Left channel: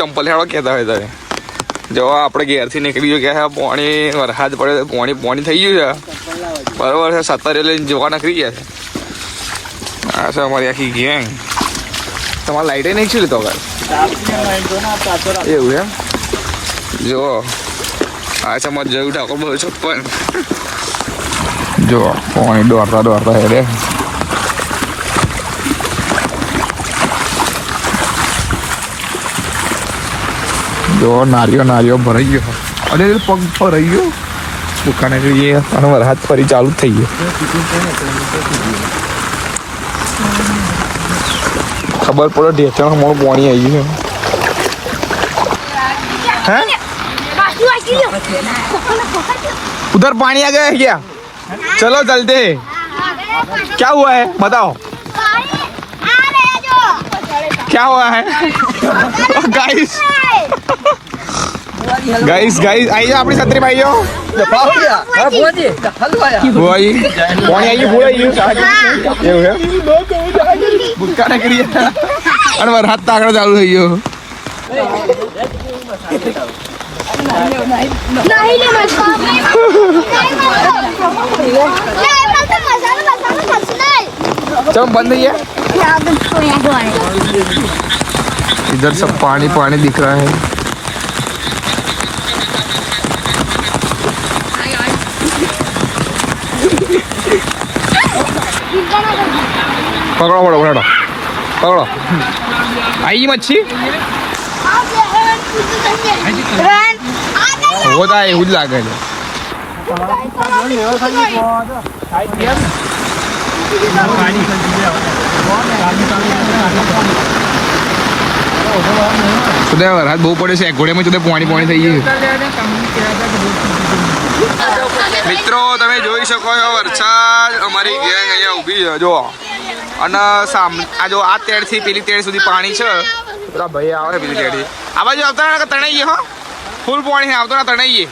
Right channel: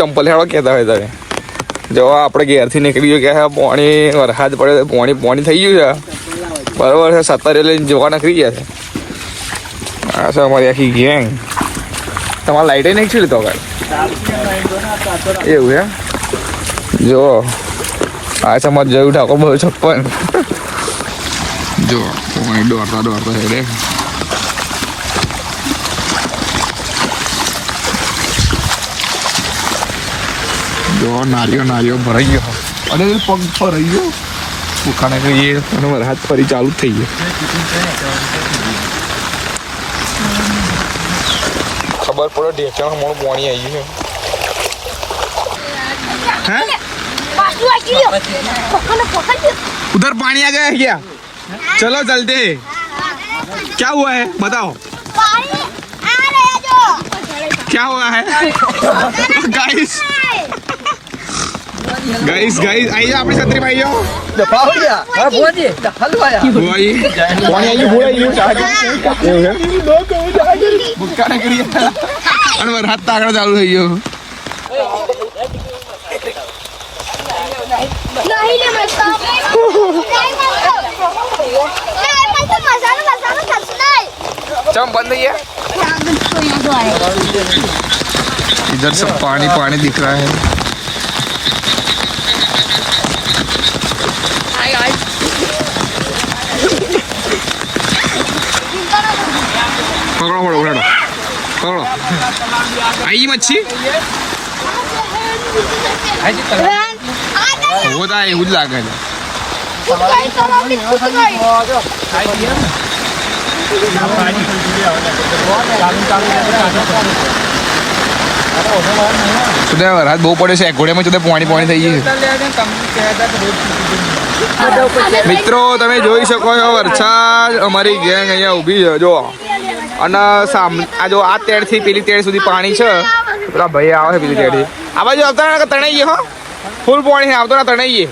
ચંપલ હેડવા કહેતા હોય તમે જો આપણે ઘેરથી નીકળી ગયો કે પાણી વરસાદ પડે પાણી થઈ ગયું છે બરાબર છે. 17 લઈને જોવા નીકળી ગયા છે. આ છે અમારી આખી ગેંગ. તમારે લાઈટે નહીં છે તો આગળ એવું એમ જો આ છે અમારે જોયું ઠાકોર 256 જો પાણી દોડતા હેડે. જો નારિયો ભરાઈ ગયો. અરે પગ ભરાઈ ગયો ભૂખાને જોઈએ અને વરસાદ ફરી ચાલુ થઈ ગયો. ખબર પડે ઢેચણ મોડું પાણી આવી ગયું. है उधर पानी आ गया क्या? चलो चलते. क्या हुआ है बताओ क्या हुआ है? गाइस गाइस गाइस आई जाओ अपनी छतरी भाइयों. बुक्का ने करी અને વરસાદ તો આગળ ચાલુ થઈ ગયો. चलो बंद नहीं है. इधर सब पानी पानी दिख रहा है. पकड़ो पकड़ो पकड़ो पकड़ो. आई मच्छी होता है એવું જ લાગે છે. વરસાદ બહુ પડે છે. ઘોડેમાં જુદા પાણી થઈ ગયું. મિત્રો તમે જોઈ શકો છો વરસાદ અમારી ગેંગ અહીંયા ઊભી છે જો. અને આ જો આ તેડથી પેલી તેડ સુધી પાણી છે. પેલા ભાઈ આવે છે પેલી તેડથી આ બાજુ આવતા તણાઈએ હો ફૂલ પાણી આવતો ના તણાઈએ.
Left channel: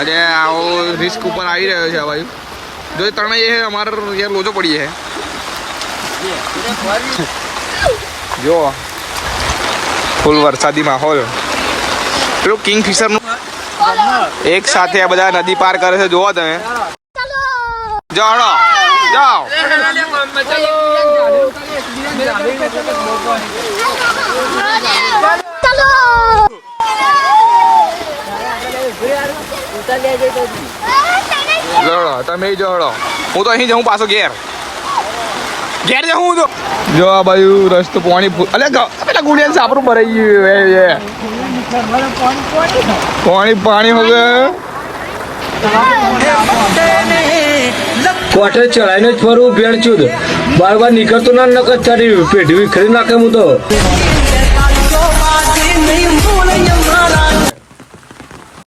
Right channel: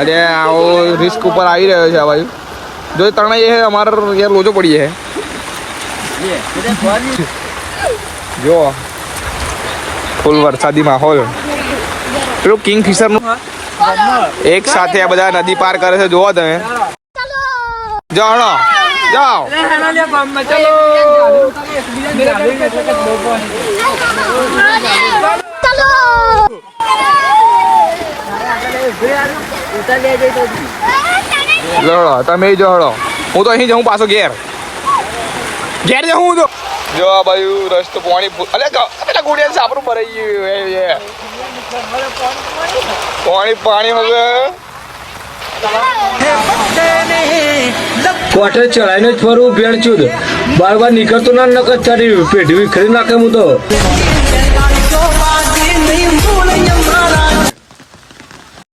અરે આવો રિસ્ક ઉપર આવી રહ્યો છે આ બાજુ જો તણાઈએ છે અમારે યાર લોચો પડીએ છે જો ફૂલ વરસાદી માહોલ. પેલું કિંગફિશર નું એક સાથે આ બધા નદી પાર કરે છે જોવો તમે. જાઓ જાઓ લડો તમે જો હળો. હું તો અહીં જાઉં પાછો ઘેર જાઉં તો જો આ બાજુ રસ્તો પાણી ગુડિયા સાપરું ભરાઈ ગયું. પાણી હો ગયું. કોઠે ચડાઈને જ ફરવું ભેણ ચૂદ બાર નીકળતો ના નકર ચાલી પેઢી વિખરી નાખે હું તો.